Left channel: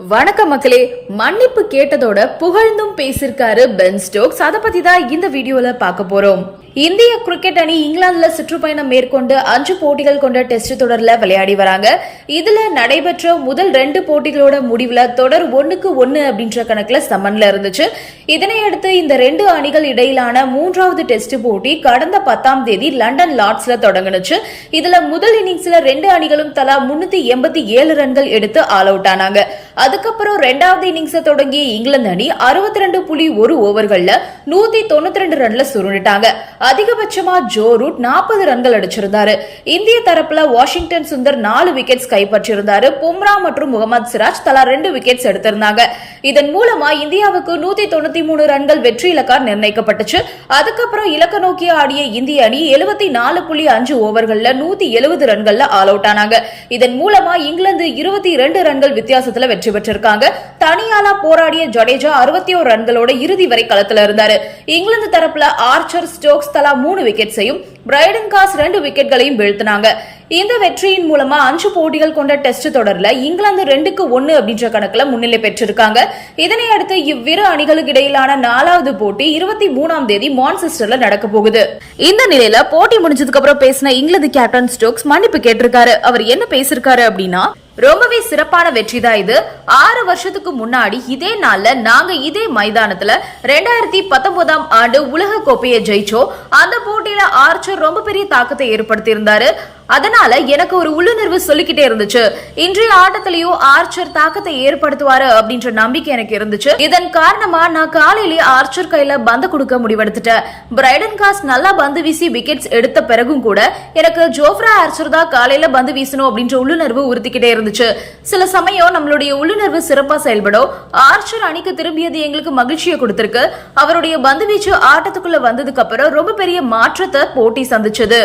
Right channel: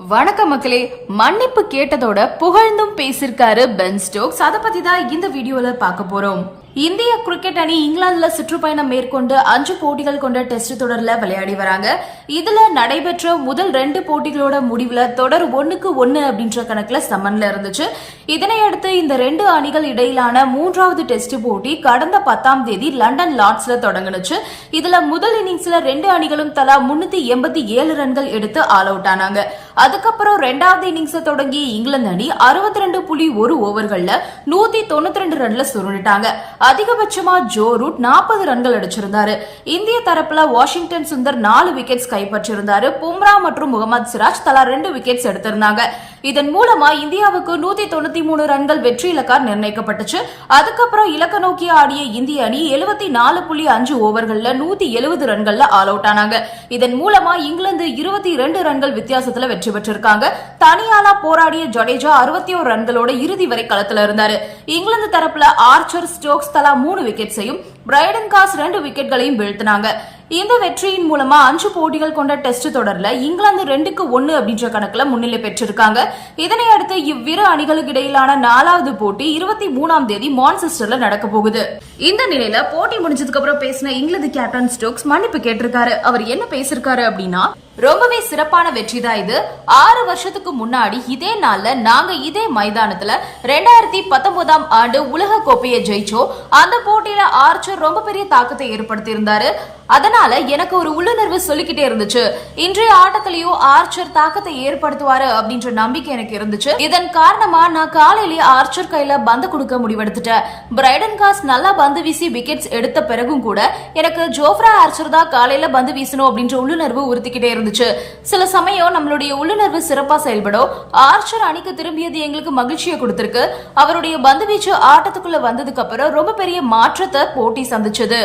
வணக்கம் மக்களே மன்னிப்பு கேட்டதோட புகழ்ந்தும் பேசியிருக்காரு பென் ஸ்டோக்ஸ். அதை பத்தி தான் இந்த வீடியோல பார்க்க போறோம். இந்திய கிரிக்கெட் அணி இங்கிலாந்துல சுற்றுப்பயணம் மேற்கொண்டு அஞ்சு போட்டிகள் கொண்ட டெஸ்ட் தொடர்ல விளையாடி வராங்க. இதுல நடைபெற்ற முதல் ரெண்டு போட்டிகளோட முடிவுல தொடர் ஒன்னுக்கு ஒன்னு அப்படின்ற கணக்குல சமன்ல இருந்துச்சு. இதனையடுத்து இந்த ரெண்டு அணிகள் இடையிலான மூன்றாவது டெஸ்ட் போட்டி கடந்த பத்தாம் தேதி லண்டன் லார்ட்ஸ்ல தொடங்குனுச்சு. இதுல முதல் இன்னிங்ஸ்ல ரெண்டு அணிகளும் தலா முன்னூத்தி எண்பத்தி ஏழு ரன்கள் எடுத்து ஆல் அவுட் ஆனாங்க. அதுக்கப்புறம் ரெண்டாவது இன்னிங்ஸ தொடங்கிய இங்கிலாந்து அணி அறுபத்தி ரெண்டு புள்ளி ஒரு ஓவர்கள்ல நூத்தி தொண்ணூத்தி ரெண்டு ரன்ல சுருண்டுட்டாங்க. அதிகபட்சமா ஜோ ரூட் நாற்பது ரன்கள் அடிச்சிருந்தாரு. இந்திய தரப்புல வாஷிங்டன் சுந்தர் நாலு விக்கெட்ஸ் கைப்பற்றியிருந்தாரு. பும்ரா மற்றும் முகமது சிராஜ் தலா ரெண்டு விக்கெட்ஸ் எடுத்திருந்தாங்க. இதன் மூலமா இந்தியாவுக்கு நூத்தி தொண்ணூத்தி மூணு ரன்கள் வெற்றி இலக்கா நிர்ணயிக்கப்பட்டுச்சு. அதுக்கப்புறம் இலக்க நோக்கி ஆடிய இந்திய அணி எழுபத்தி நாலு புள்ளி அஞ்சு ஓவர்கள்ல நூத்தி எழுபது ரன்கள்ல ஆல் அவுட் ஆனாங்க. இதன் மூலமா இங்கிலாந்து இருபத்தி இரண்டு ரன்கள் வித்தியாசத்துல வெற்றி பெற்றிருக்காங்க. தனியாலா போராடிய ஜடேஜா அறுபத்தி ஒரு ரன்களோட இறுதி வரை களத்துல இருந்தாரு. இங்கிலாந்து தரப்புல ஆர்ச்சர் ஸ்டோக்ஸ் தலா மூணு விக்கெட்ஸையும் பிரைடன் காஸ் ரெண்டு விக்கெட்களையும் வீழ்த்தினாங்க. இந்த வெற்றியின் மூலமா அஞ்சு போட்டிகள் கொண்ட டெஸ்ட் தொடர்ல இங்கிலாந்து ரெண்டுக்கு ஒன்னு அப்படின்ற கணக்குல முன்னிலை பெற்றிருக்காங்க. இதனை அடுத்து இவ்விரு அணிகளுக்கு இடையிலான நாலாவது போட்டி இருபத்தி மூணாம் தேதி மான்செஸ்டர்ல நடக்க போகுது. இந்த நிலையில போட்டி முடிஞ்சதுக்கு அப்புறம் பேசின இங்கிலாந்து கேப்டன் ஸ்டோக்ஸ் மன்னிப்பு கேட்டிருக்காரு. அவர் என்ன பேசிருக்காரு அப்படின்னா ரொம்பவே சிறப்பான வெற்றி தான் இது. ஆறு வருஷத்துக்கு முன்னாடி இதே நாள்ல நாங்க இதே மைதானத்துல ரெண்டாயிரத்தி பத்தொன்பதாம் ஆண்டு உலக கோப்பையை ஜெயிச்சோம். அந்த போட்டியில ஆர்ச்சர் ரொம்ப பெரிய தாக்கத்தை ஏற்படுத்தி இருந்தாரு அதனால எனக்கு ஒரு உள்ளுணர்வு சொல்லிக்கிட்டே இருந்துச்சு. இன்றைய ஆட்டத்திலேயோ ஆர்ச்சர் தாக்கத்தை ஏற்படுத்துவாரு அப்படின்ற நம்பிக்கை எனக்கு இருந்துச்சு. இதன் காரணமா நான் காலையிலேயே ஆர்ச்சர் கையில பந்து கொடுக்க முடிவெடுத்துட்டேன். பிரைடன் காஸ் நல்லா பந்து வீசி விக்கெட்ஸ் எடுத்த பிறகும் கூட எனக்கு ஜோஃப்ரா ஆர்ச்சர் தான் காலையில பந்து வீசணும் அப்படின்ற உள்ளுணர்வு உறுத்திக்கிட்டே இருந்துச்சு. சில சமயம் நம்மளுடைய உள்ளுணர்வு சிறப்பா செயல்படும். ஆர்ச்சர் அணிக்கு திரும்பியது எங்களுக்கு மகிழ்ச்சியை கொடுத்திருக்கு. அவருடைய பந்து வீச்சு ஆட்டத்துக்குள்ள வந்ததுக்கு அப்புறம் ரொம்ப பெரிய மாற்றத்தை போட்டி சந்திச்சது.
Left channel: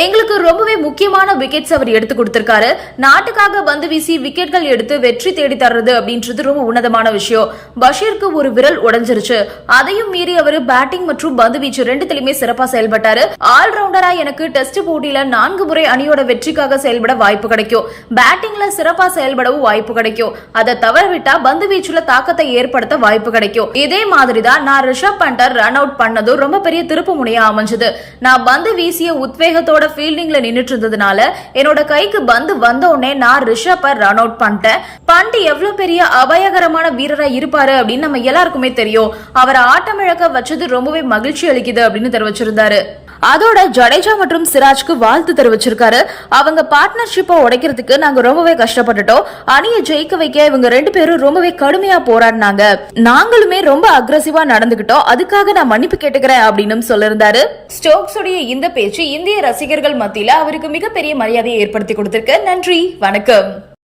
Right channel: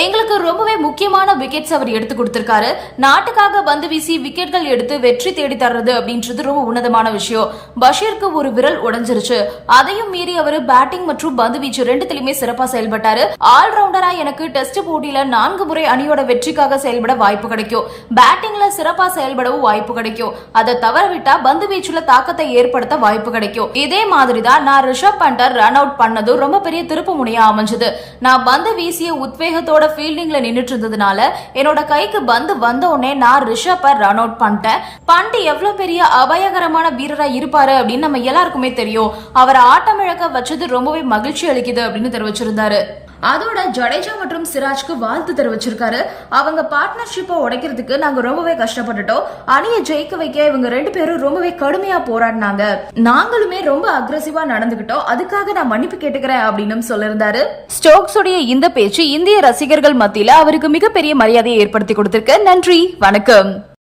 எங்களுக்கு ரொம்பவே முக்கியமான விக்கெட்ஸ் அவர் எடுத்து கொடுத்திருக்காரு. நாட்டுக்காக பந்து வீசி விக்கெட்கள் எடுத்து வெற்றி தேடி தர்றது அப்படின்றது ரொம்ப உன்னதமான விஷயம். பஷீருக்கு ஒரு விரல் உடைஞ்சிருச்சு. அதையும் மீறி அவர் பேட்டிங் மற்றும் பந்து வீச்சு ரெண்டுத்திலுமே சிறப்பா செயல்பட்டாரு. ஆல்ரவுண்டரா எனக்கு டெஸ்ட் போட்டியில நான்கு முறை அணியோட வெற்றிக்காக செயல்பட வாய்ப்பு கிடைக்கும். பேட்டிங்ல சிறப்பா செயல்படவும் வாய்ப்பு கிடைக்கும். அதை தவறவிட்டா பந்து வீச்சுல தாக்கத்தை ஏற்படுத்த வாய்ப்பு கிடைக்கும். இதே மாதிரி தான் நான் ரிஷப் பண்டர் ரன் அவுட் பண்ணதும் ரொம்ப பெரிய திருப்பு முனையா அமைஞ்சது. நான் பந்து வீசிய உத்வேகத்தோட ஃபீல்டிங்ல நின்னுட்டு இருந்ததுனால என்னோட கைக்கு பந்து வந்த உடனே நான் ரிஷப்பை ரன் அவுட் பண்ணிட்டேன். பண்ட் எவ்வளவு பெரிய அபாயகரமான வீரரா இருப்பாரு அப்படின்னு நம்ம எல்லாருக்குமே தெரியும். அவரை ஆட்டமிழக்க வச்சது ரொம்பவே மகிழ்ச்சி அளிக்குது அப்படின்னு தெரிவிச்சிருந்தாரு. அதோட ஜடேஜா மற்றும் சிராஜ்க்கு வாழ்த்து தெரிவிச்சிருக்காரு. அவங்க பார்ட்னர்ஷிப்பை உடைக்கிறதுக்கு நாங்க ரொம்பவே கஷ்டப்பட்டுட்டோம். அணியை ஜெயிக்க வைக்க இவங்க ரெண்டு பேரும் ரொம்பவே கடுமையா போராடினாங்க. நாங்களுமே ரொம்ப அக்ரஸிவா நடந்துகிட்டோம். அதுக்காக நான் மன்னிப்பு கேட்டுக்கிறேன் அப்படின்னு சொல்லியிருந்தாரு. ஸ்டோக்ஸுடைய இந்த பேச்சு இந்திய ரசிகர்கள் மத்தியில அவருக்கு மிகப்பெரிய மரியாதையை ஏற்படுத்தி கொடுத்திருக்கு. நன்றி. வணக்கம்.